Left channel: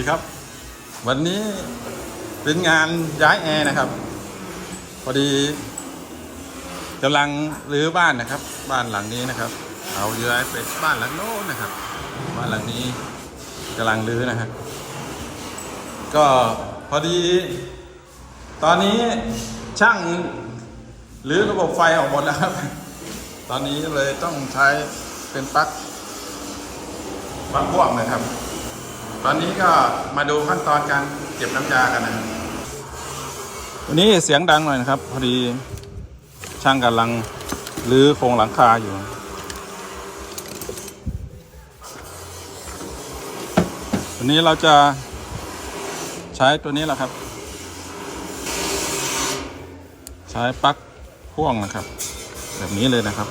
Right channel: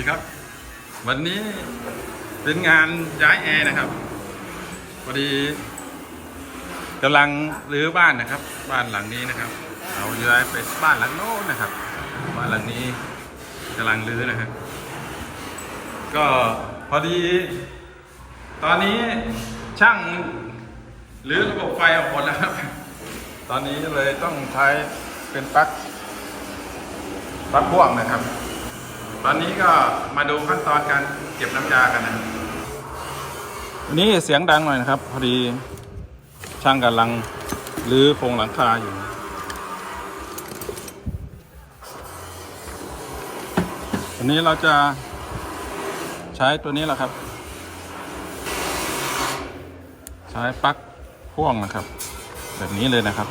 ดีครับ วันนี้เป็นงานย้ายแอร์นะครับ พอดีกำลังรื้อบ้านนะครับ บ้านหลังนี้นะครับ เอาย้ายไปบ้านหลังโน้นนะครับ บ้านหลังนี้กำลังรื้อนะฮะก็พอดี ตอนนี้ช่างรื้อระบบไฟออกหมดนะครับ ตอนนี้เลยต้องใช้เป็นปลั๊กปลั๊กพ่วงนะครับ ตอนนี้ก็มาดูขั้นตอนการเก็บน้ำยากันนะครับวันนี้เสียงดังหน่อยนะครับ พอดีช่างกำลังรื้อโครงหลังคาอยู่ วันนี้เราจะใช้ตัวนี้แหละครับ ใช้ปลั๊กพ่วงนะครับ แบบนี้เลยนะครับ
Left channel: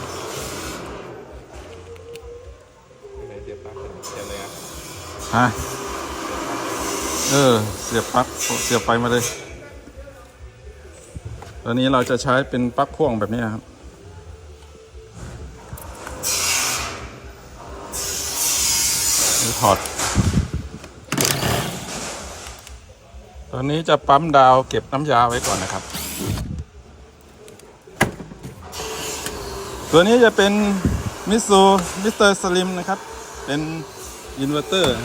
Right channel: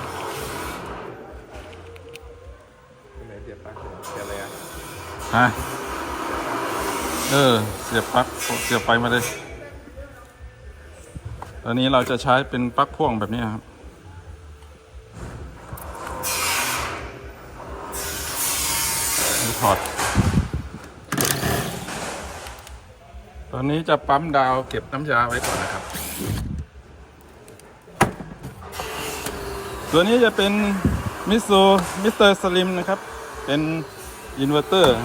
เสียบปลั๊กเสียบอะไรอะฮะ เออ เสียบปลั๊กเสียบไฟมาเลยตอนนี้เราจะใช้เป็นปลั๊กพ่วงแบบนี้ครับถอด ตอนนี้จะปั๊มดาวเก็บน้ำยาไว้ก่อนนะครับ ตัวนี้จะเป็นมิสูมิสเตอร์สลิมนะครับ เป็นอินเวอร์เตอร์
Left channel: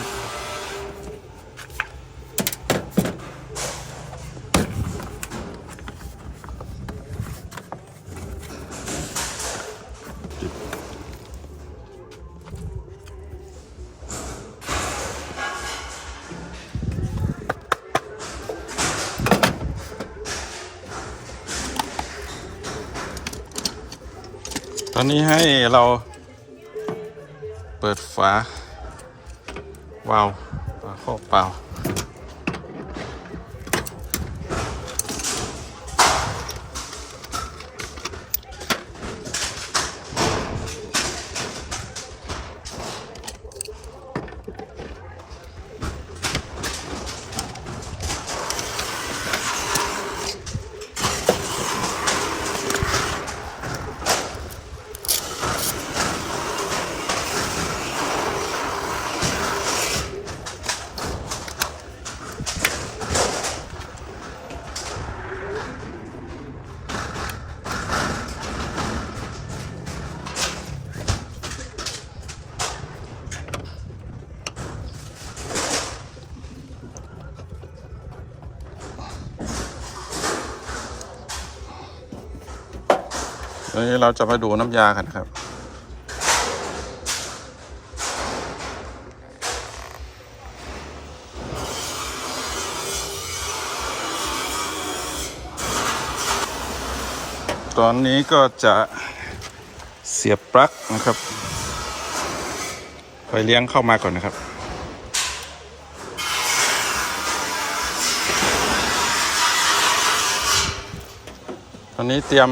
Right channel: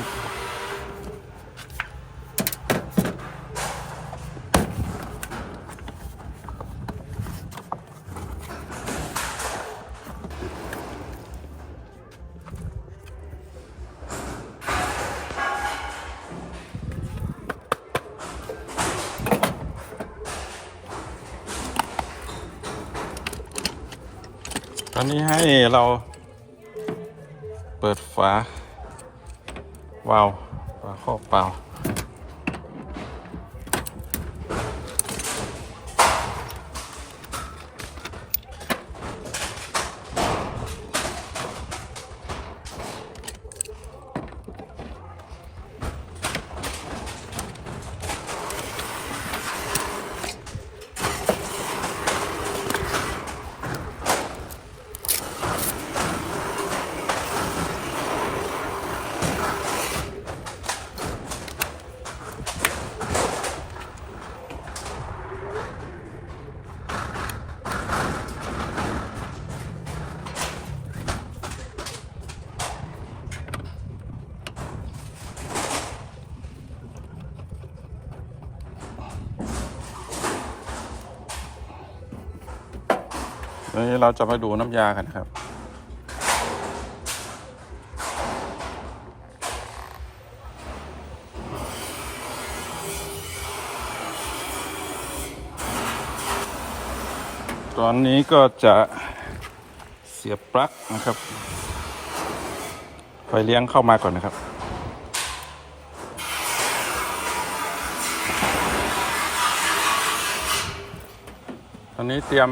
นนี้ให้เราเปิดฝาวาล์วฝาครอบเปล่า นี้เราจะมาดูน้ำยากันครับ ตอนนี้ก็จะเสียบปลั๊กนะครับไฟเลี้ยงเข้ามาก่อนนะครับตอนนี้เตรียม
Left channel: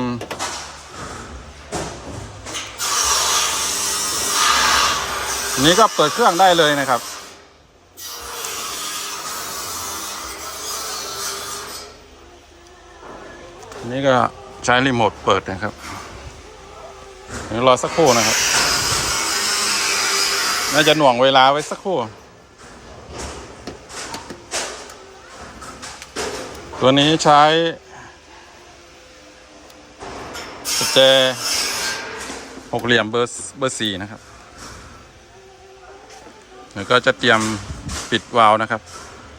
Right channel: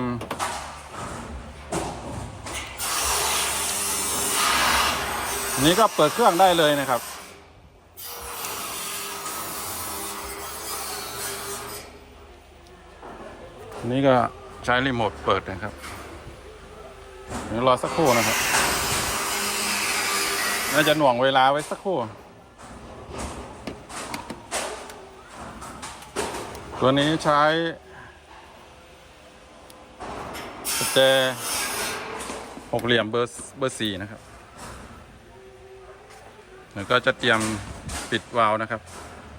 นี้ก็เปิดเครื่องได้เลยนะครับ นี่ก็ใช้รีโมทเปิดนะครับเดี๋ยวรอสักครู่นะครับ น่าจะหน่วงเวลาไว้สักครู่ ตัวนี้ใช้สเจหกเหลี่ยมเบอร์เบอร์สี่นะครับ แล้วก็จะเตรียมปิดวาล์วนะครับ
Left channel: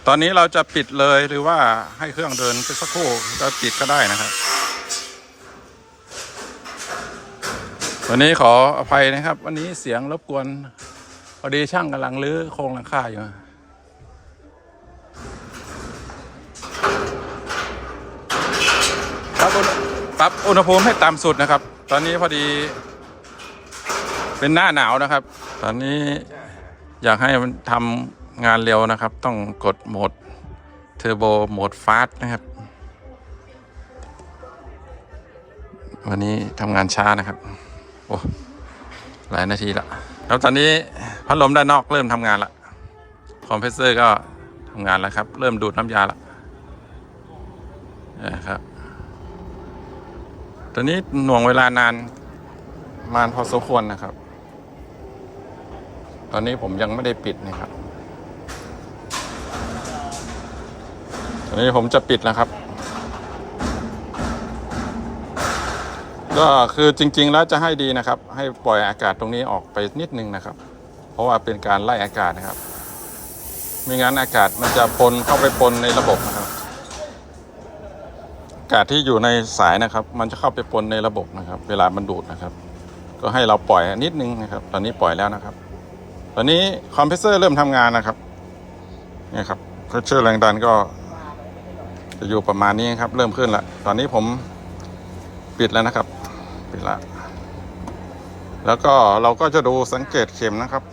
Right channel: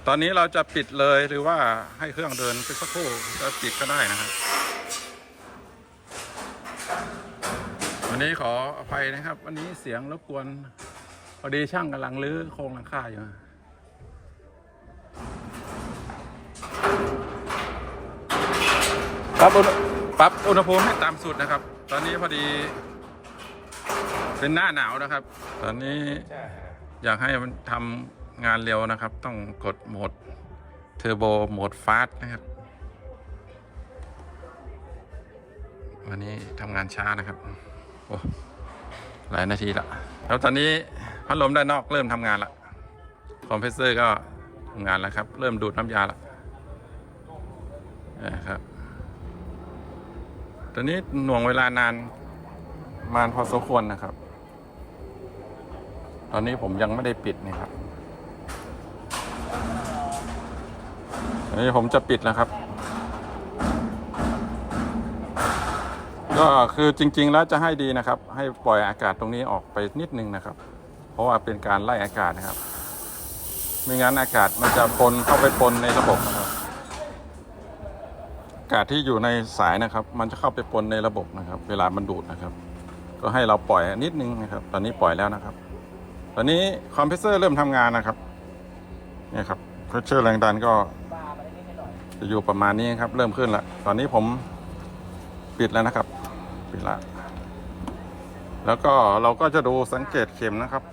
ตอนนี้เราจะปิดเลยหรือว่าให้เครื่องเดินไปสักครู่ก็ปิดก็ได้นะครับวันนี้ขออภัยนะครับ วันนี้เสียงรบกวนพอดีช่างกำลังรื้อโครงหลังคาอยู่ปรับปรับอุณหภูมิให้ต่ำสุดนะครับ ตอนนี้พอดีเป็นหน้าหนาวนะครับ ตอนนี้ อยากให้มันทำงานเร็วนะครับ ต้องกดโหมดเทอร์โบโหมดฟาสนะครับ วันนี้ทำงานช้านะครับ โอ้หลายนาทีละแล้วตอนนี้พัดลมด้านนอกเริ่มทำงานละคอมเพรสเซอร์ก็ทำงานแล้วครับ เริ่มดูดน้ำยาละนะครับตอนนี้หน่วงเวลานานมานพอสมควรนะครับ ตอนนี้ผมยังไม่ได้ปิดนะครับอันนี้ผมจะปิดแล้วครับ ก็คือจริง ๆ แล้วจะให้ดีนะครับ ให้ปล่อยอากาศตรงนี้ออกไปนิดนึงนะครับ เพราะว่าเป็นการไล่อากาศนะครับ ไม่งั้นอากาศมันจะปนเข้าไปปนในระบบนะครับ อากาศที่อยู่ในสายนะครับ มันจะเข้าไปปนในระบบนะครับ เวลามันดูดนะครับ ก็ให้เราปล่อยนิดนึงนะครับ ตอนนี้ปล่อยแล้วนะครับ ตอนนี้คอมเพรสเซอร์เริ่มทำงานนะครับนี่ครับเพรสเชอร์แรงดันก็ จะอยู่ประมาณนี้ครับ เริ่มขึ้นแล้วตอนนี้ผมปิดแล้วนะครับ ปิดละ แล้วก็เราก็จะดูสังเกตเข็มนะครับ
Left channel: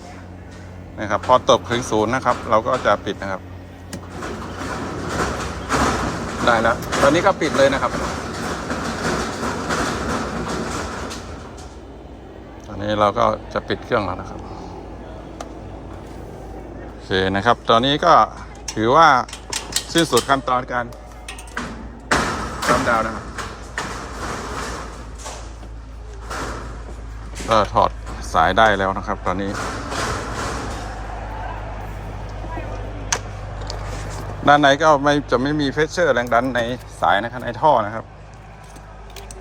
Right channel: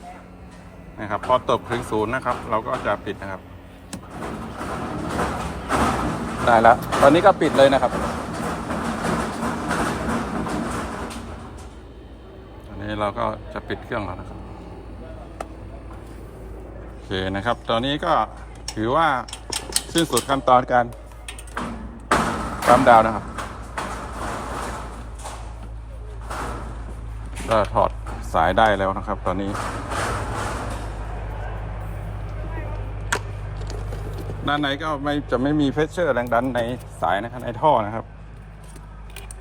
นะครับ พอตกถึงศูนย์นะครับ เราก็จะปิดนะครับ ได้แล้วตอนนี้ก็ปิดเลยนะครับ ตอนนี้เราก็จะปิดเครื่องแล้วนะครับ เคนะครับ ตอนนี้ก็ถือว่าสิ้นสุดขั้นตอนการปั๊มดาวนะครับ ก็ถอดสายได้แล้วนะครับ ตอนนี้ ด้านในก็ไม่จะไม่มีเพชเชอร์แรงดันในสายนะครับในท่อนะครับ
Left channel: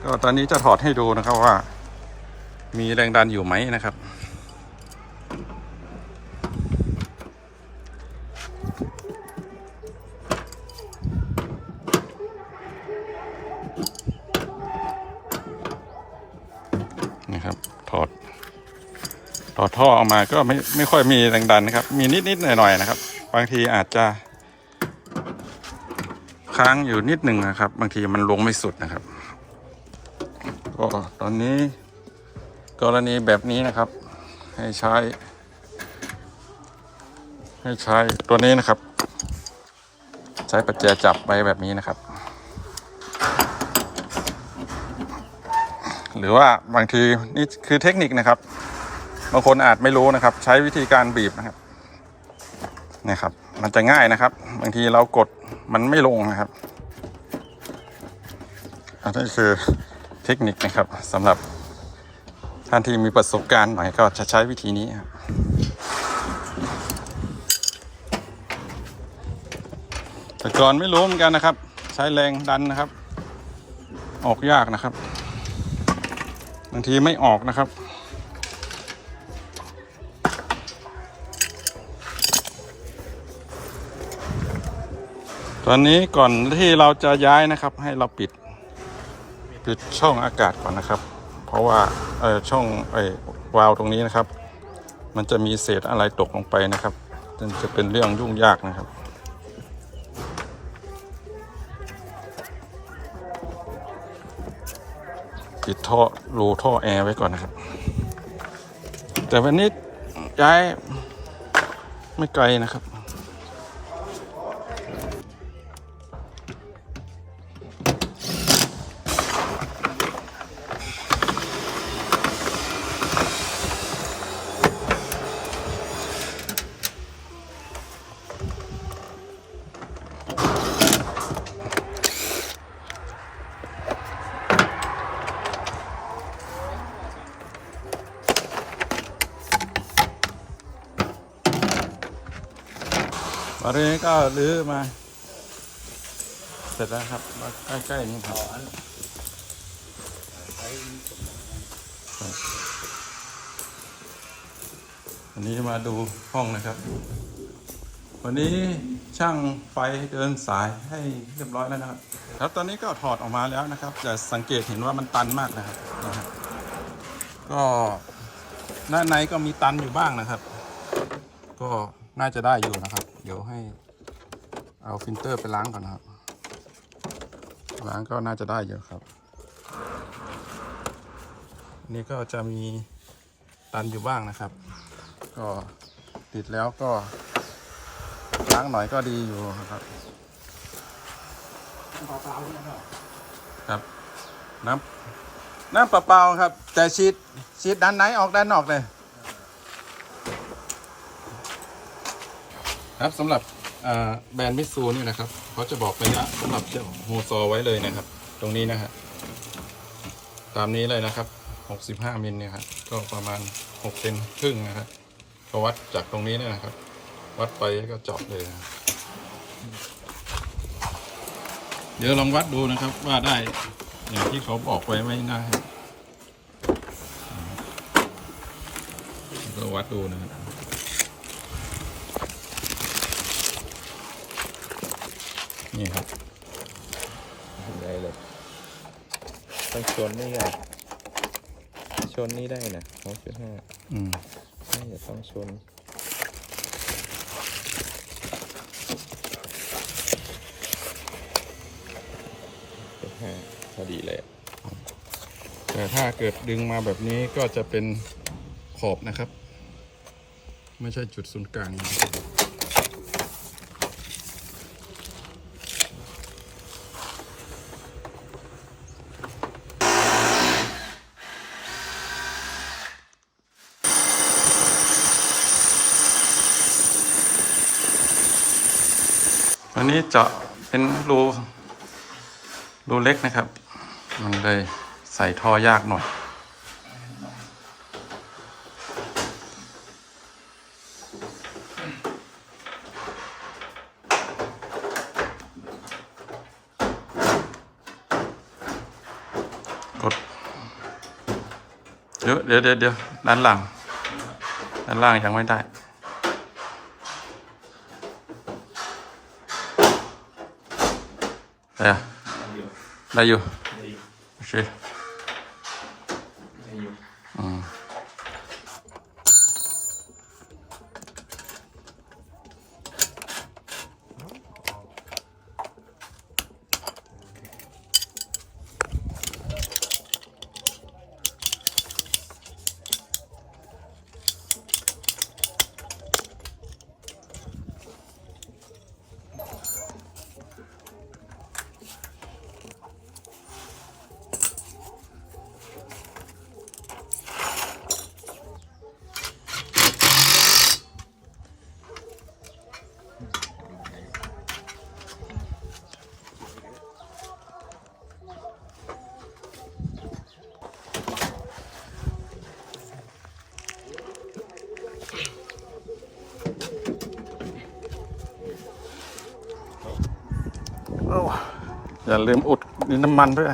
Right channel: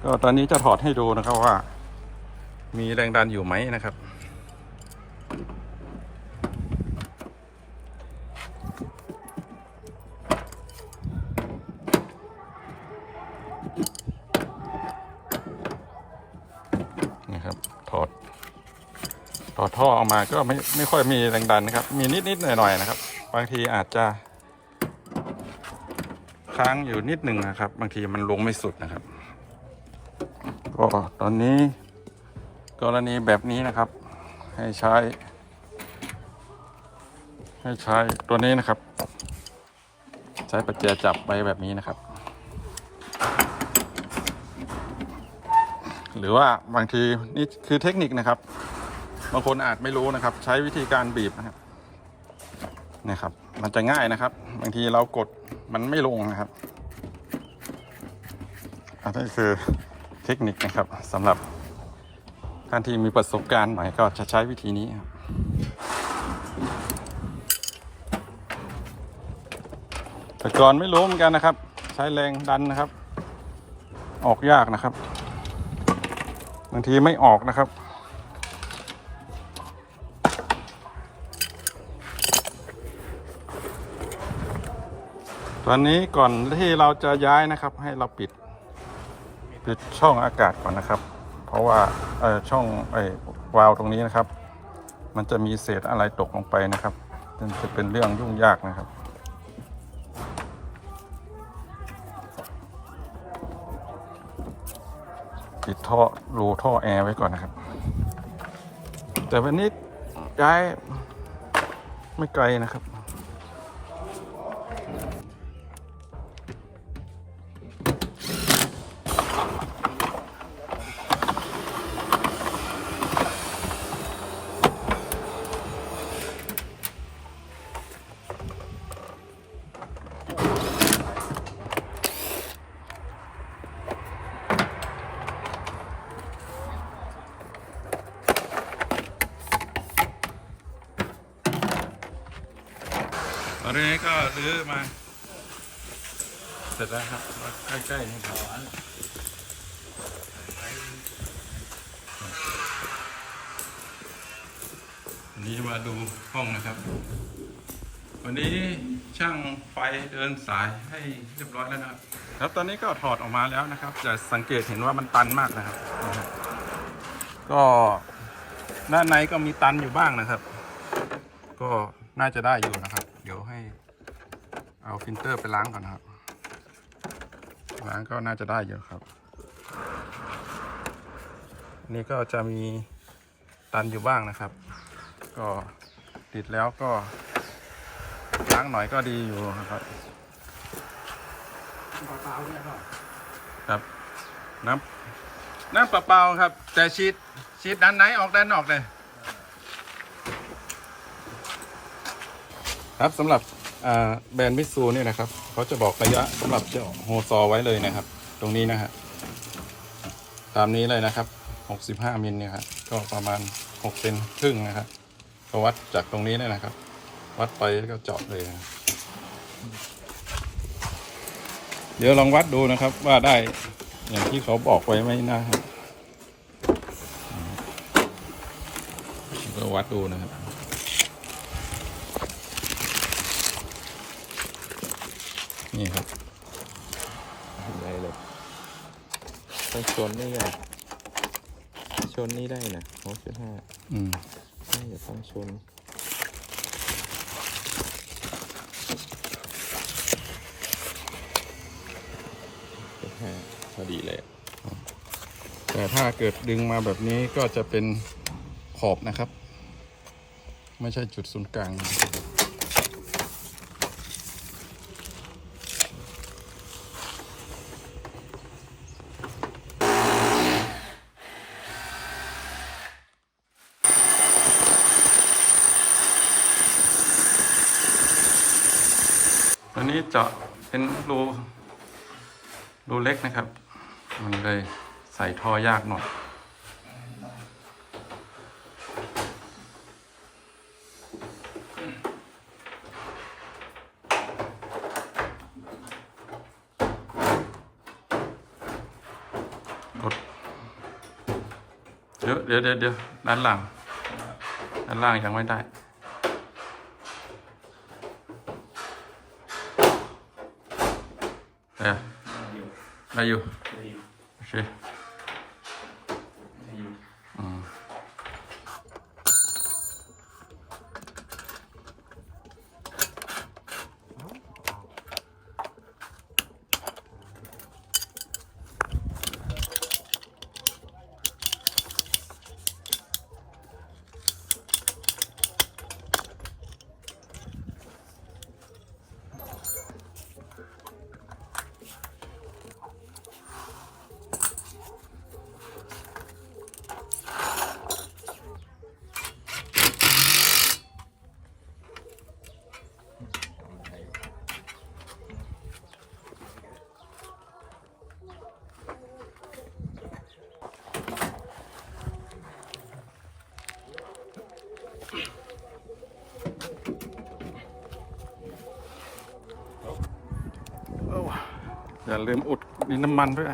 ก็ตอนนี้จะถอดให้ดูนะครับว่า มีแรงดันอยู่ไหมนะครับ นี่ครับ ถอด ถอดท่อออกมาก็ไม่ไม่ค่อยมีแรงดันนะครับ มีนิดนิดหน่อยหน่อยนะครับ บางทีอาจจะค้างอยู่นิดหนึ่งนะครับ บางทีมันลงไม่สุดนะครับก็ตอนนี้กรณีแบบนี้นะครับ ให้ใช้ ให้ใช้ตัวนี้นะครับ ใช้ปัจแจจับไปแบบนี้นะครับ หรือว่าบางทีนี่คือเทคนิคนะครับ บางคนอาจไม่รู้นะครับ ใช้วิธีการบีบนะครับเนี่ยครับ มันจะง่ายนะครับ บางทีเรากดมันไม่ลงนะครับอันนี้คือเทคนิคนะครับสำหรับท่านที่มีประสบการณ์หน่อยก็จะใช้วิธีนี้ครับแต่ก่อนไม่รู้เหมือนกันนะครับ ใช้แรงดันนะครับ ออกยากนะครับ บางทีไม่ออกนะครับ อนนี้ก่อนที่เราจะย้ายนะครับ ให้เราปิดปิดช่องอากาศก่อนนะครับ เพราะว่าช่องไอ้วาล์วตรงนี้นะครับ มันจะมีเศษอะไรตกลงไปนะครับจึงจะเป็นเรื่องยุ่งยากนะครับปิดท่อรูท่อแอร์ไว้ก่อนนะครับ แต่วันนี้ย้ายไม่ไกลนะครับ อนนี้ก็รื้อมา เสร็จแล้วครับมาใกล้ๆนี่ครับวันนี้มาดูห้องนะครับ วันนี้ช่างไฟเดินสายให้เรียบร้อยแล้วนะครับครับตอนนี้ก็ถอดออกมาแล้วนะครับ จะสังเกตเห็นว่ามันตันมากนะครับนี่ครับ ก็ด้านในก็มีตันอยู่บ้างนะครับ ก็น่าจะได้อยู่นะครับ เดี๋ยวให้ เอาฟิลเตอร์ไปล้างก่อนนะครับ ล้างก็น่าจะได้อยู่ครับอันนี้ก็จะมีตันอยู่บ้างนะครับ ก็ติดแล้วก็ล้างหน่อยก็ดีอยู่ครับครับน้ำน้ำเปล่าๆครับ แต่ชีดชีดด้านไหนออกด้านนอกเลยครับสำหรับอ่า แบรนด์มิซูเนี่ยนะครับเขาจะบอกระยะสำหรับเจ้าโฮซอไว้เลยนะครับ ตรงนี้นะฮะตามนี้เลยนะครับ 65มิลเนี่ยครับก็ประมาณ6เซนครึ่งนะครับก็วัดจากตรงนี้เนี่ยนะครับ วัดไปแล้วก็เจาะเลยนะเดี๋ยวลองวัดดูนะครับว่าได้อย่างที่เขาบอกไว้ไหมนะครับก็วัดดูนะครับ นี่ครับได้เลยต้องชนไม่ใหญ่ชนนี่ได้นะหกจุดห้าอืมน่าจะต้องชนจุดห้าพอดีเลยอะแต่ถ้าเกิดดึงมาแบบนี้ก็จะเป็นขอบนะครับ ไม่ใช่จุดศูนย์กลาง วันนี้เจาะเป็นรูรูเล็กนะครับ มันเลยใส่ท่อยากหน่อย กด เดี๋ยวเดี๋ยวเดี๋ยวเดี๋ยวด้านหลัง ด้านล่างยังไม่ได้ ได้อะ ได้อ อย่าลืมอุดนน้ำมันด้วย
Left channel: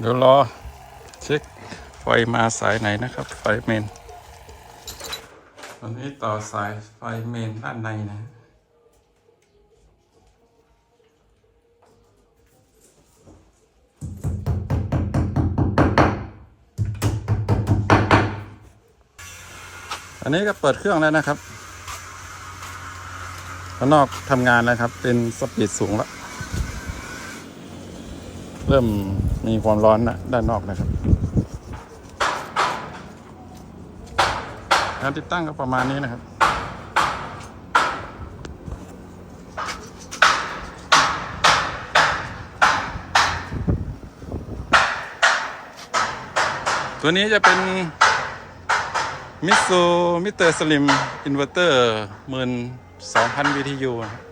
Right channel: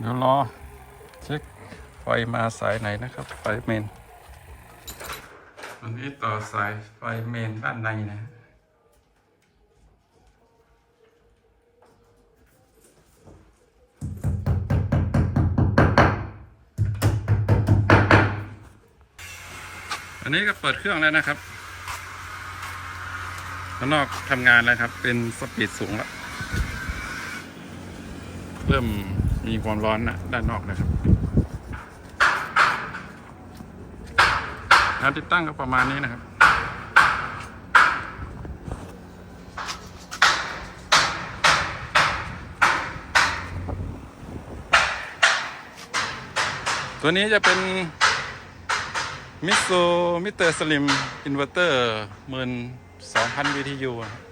เดี๋ยวรอเช็คไฟมาสายไหนนะครับ ไฟเมนตอนนี้ต่อสายไฟเมนด้านในนะอันนี้ก็เปิดเครื่องแล้วนะครับข้างนอกทำงานแล้วครับ เป็นสปีดสูงแล้ว เริ่ม มีความร้อนนะด้านนอกนะครับการติดตั้งก็ประมาณนี้นะครับ ตัวนี้จะเป็นมิสซูมิเตอร์สลิม อินเวอร์เตอร์หมื่นสองพัน BTU อะครับ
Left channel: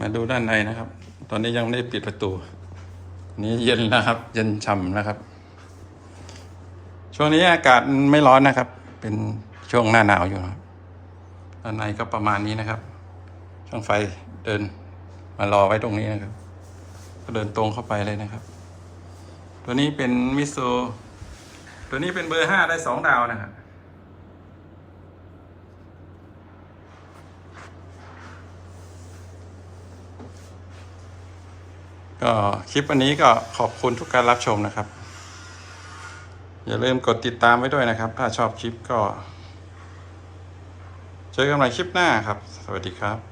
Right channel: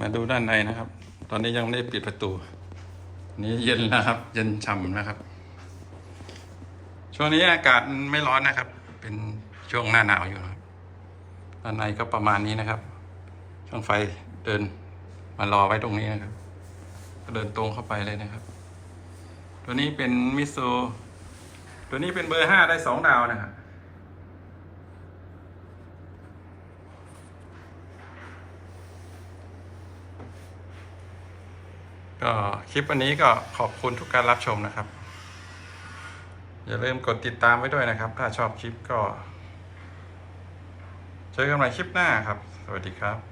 มาดูด้านในนะครับ ตอนนี้ยังไม่ได้ปิดประตู นี้เย็นแล้วครับ เย็นฉ่ำนะครับ ช่วงนี้อากาศไม่ร้อนนะครับ เป็นช่วงหน้าหนาวอยู่ครับด้านในก็ประมาณนี้นะครับ ช่างไฟเดินมารอไว้ตรงนี้นะครับ ก็เดินตรงเข้าไปเลยนะครับ ตัวนี้เป็นมิโซตัวนี้เป็นเบอร์ห้าได้สองดาวนะครับ ก็คลิปวันนี้ก็ขอบคุณทุกการรับชมนะครับ อย่าลืมกดติดตามไว้ด้วยนะครับ ถ้าชอบคลิปก็ เจอกันใหม่คลิปหน้าครับ สวัสดีครับ